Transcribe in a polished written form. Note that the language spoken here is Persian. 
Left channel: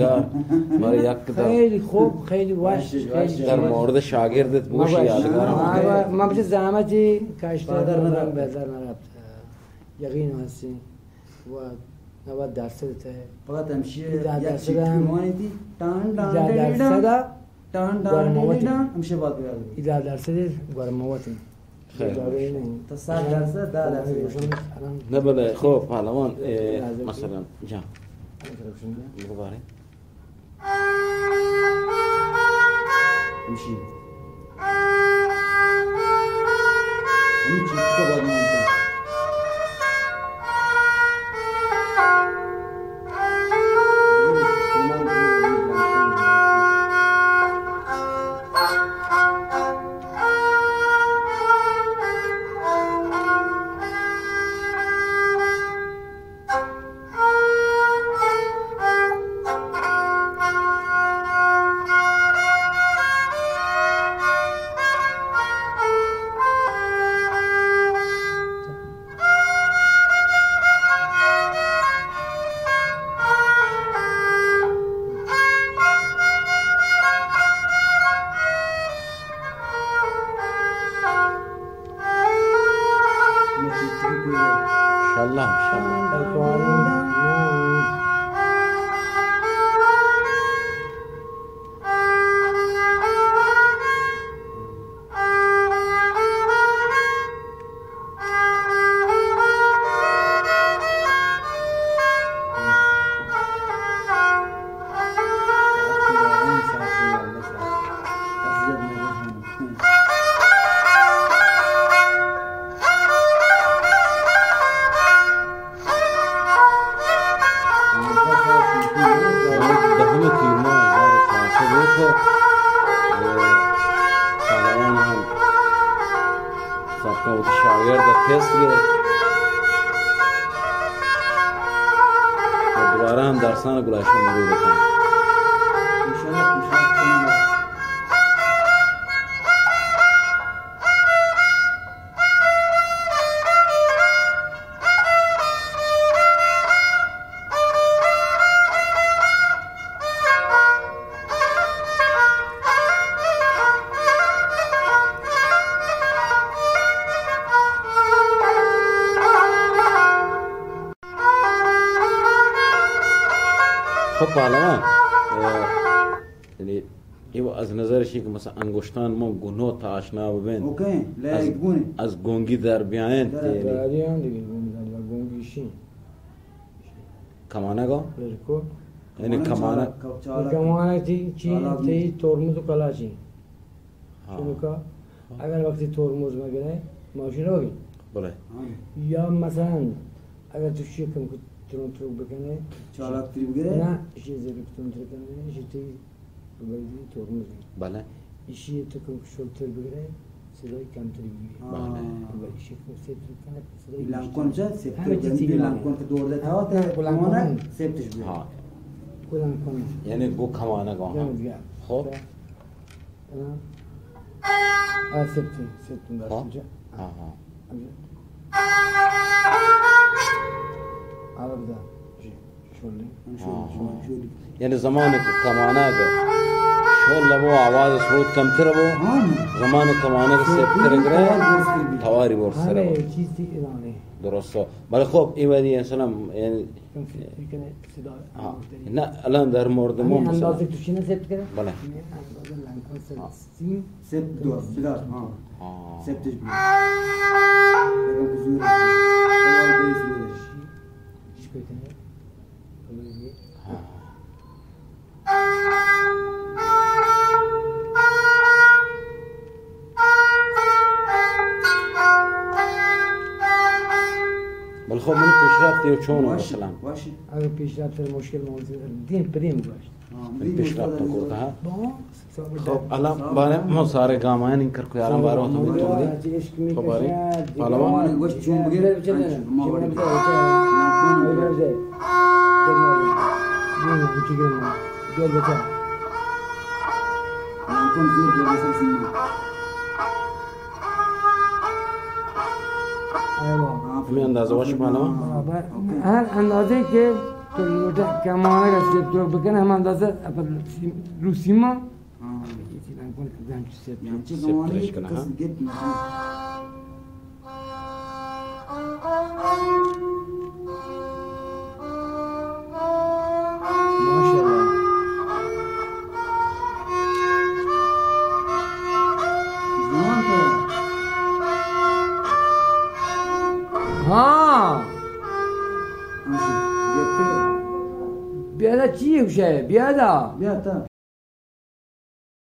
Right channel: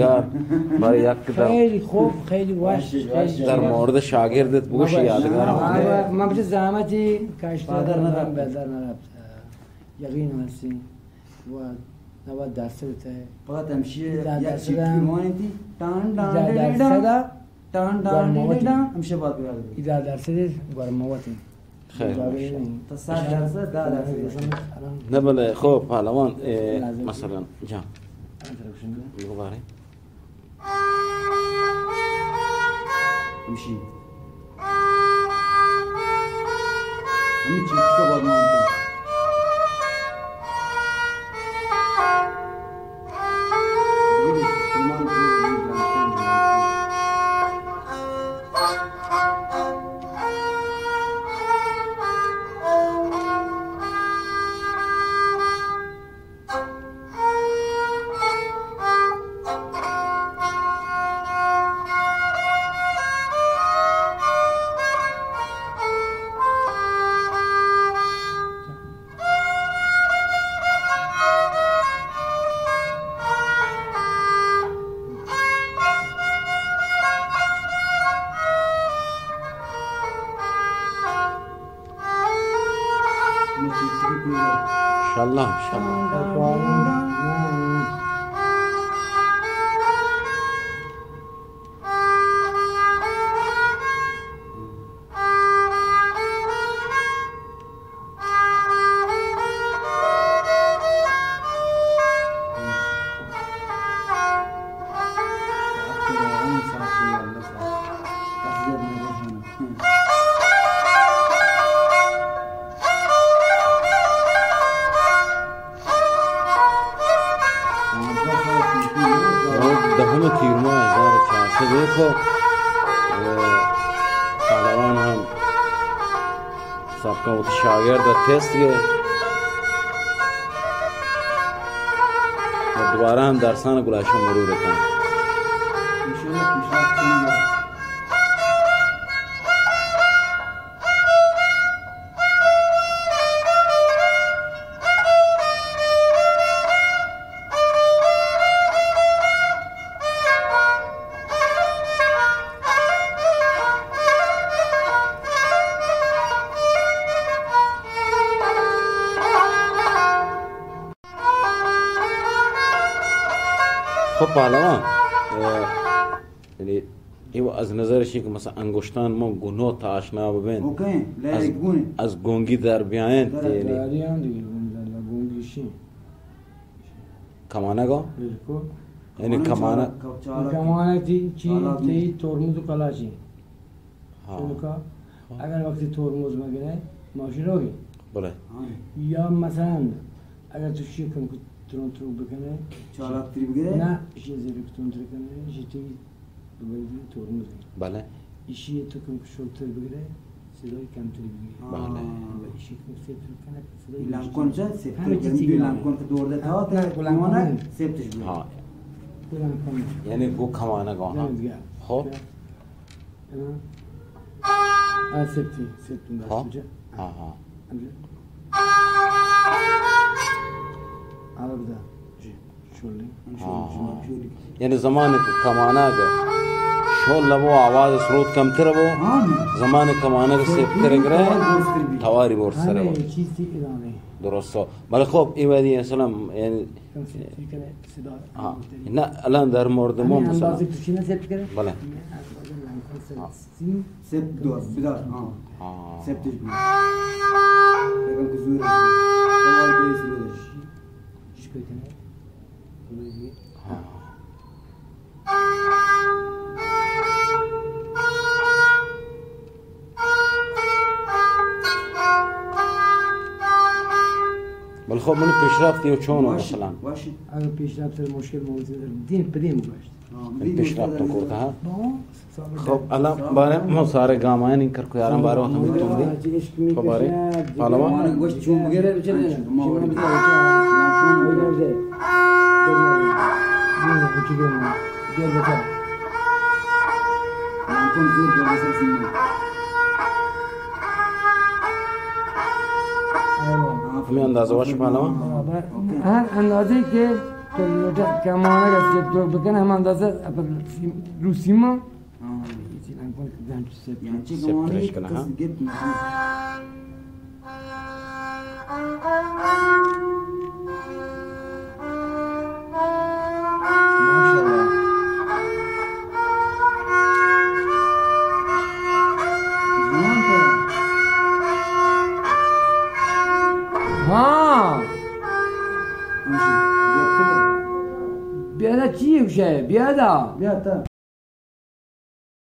یادگار برای یک خیلی خوب خیلی واش در مورد شاگردت بگوش یادگار ما بس زحمتی کاشتار ندارم بازار نرفت یقین هستی و نباید درس بته فقط همشه یک چیز میمونی تان تان همشه باید بیاد 10 درصد گرماوتی خیلی تا 100 درصد 10 درصد نه بله خب پهلوان مثلا جان بگو باره همشه همین چیز که باید مونده تست گه و دوباره هم درسان گلایش مرور بکنم انشاءالله پیشرفت کنیم خب پهلوان یعنی از نظرش که مثلا انگشتان ما گناه تا آشنا ببین اوکی لگونه از گنگی در بیاین دریان دیگه گونگیشی کمانه گا بالکل یعنی کمانه تی ترمز و کلاشی چون اگر وقتی ترمز مگنه ماشین روی بله یا مثلا اگر تو شکم ترون بکنه چالاک تری بگیره نه ایشی زیرک تون تر کنه ایشی توی بگیری ترمز بله ایشی تو کم شلتر بگیره صدای کمتری بگیره بله ایشی کم سیفتر کنه صدای لنکن چه سیفتر کنه لنکن که دورده تا کمانه سیفتش بگیره لنکن یعنی گو کمانه گا خب سیفتی داشت میشه حالا بده شولی یعنی زمانی که کمانه که شول لبو آواز سرود کمتر بو زمانی کمانه که سیفتر گره تواری بورس سره بو چیزی ایرانه درسته بله خب این ودی اصلا یعنی نه الان در مورد ما مثلا اندازه تو چی نه سیفت کنه؟ بله سیفت دو بدار سیفتش بگیره بگم که زوره توار بیس بودش چیش بکنه؟ بل خب منو پیشرفتی و چون مثلا اگر پیشرفت مشکل موجود دین بدیم باشه پیشرفت کرده ها خب الان برای ما ساره گامان این کرکو یارم برای هم میتونی خب برای پهلوان گوشت چون بگیره چه ما وارد لنکون بگیره لنکون زور به واسه سیمون همین اندازه باشه پهلوان هر اندازه که کمانه گشت دور بکنه هم اندازه رو سیما يعني شيء قوانين قصة جد مثلا ما شاء الله زمان تو ها ماشي جبت بیادا چیه بشه بیادا بیا تا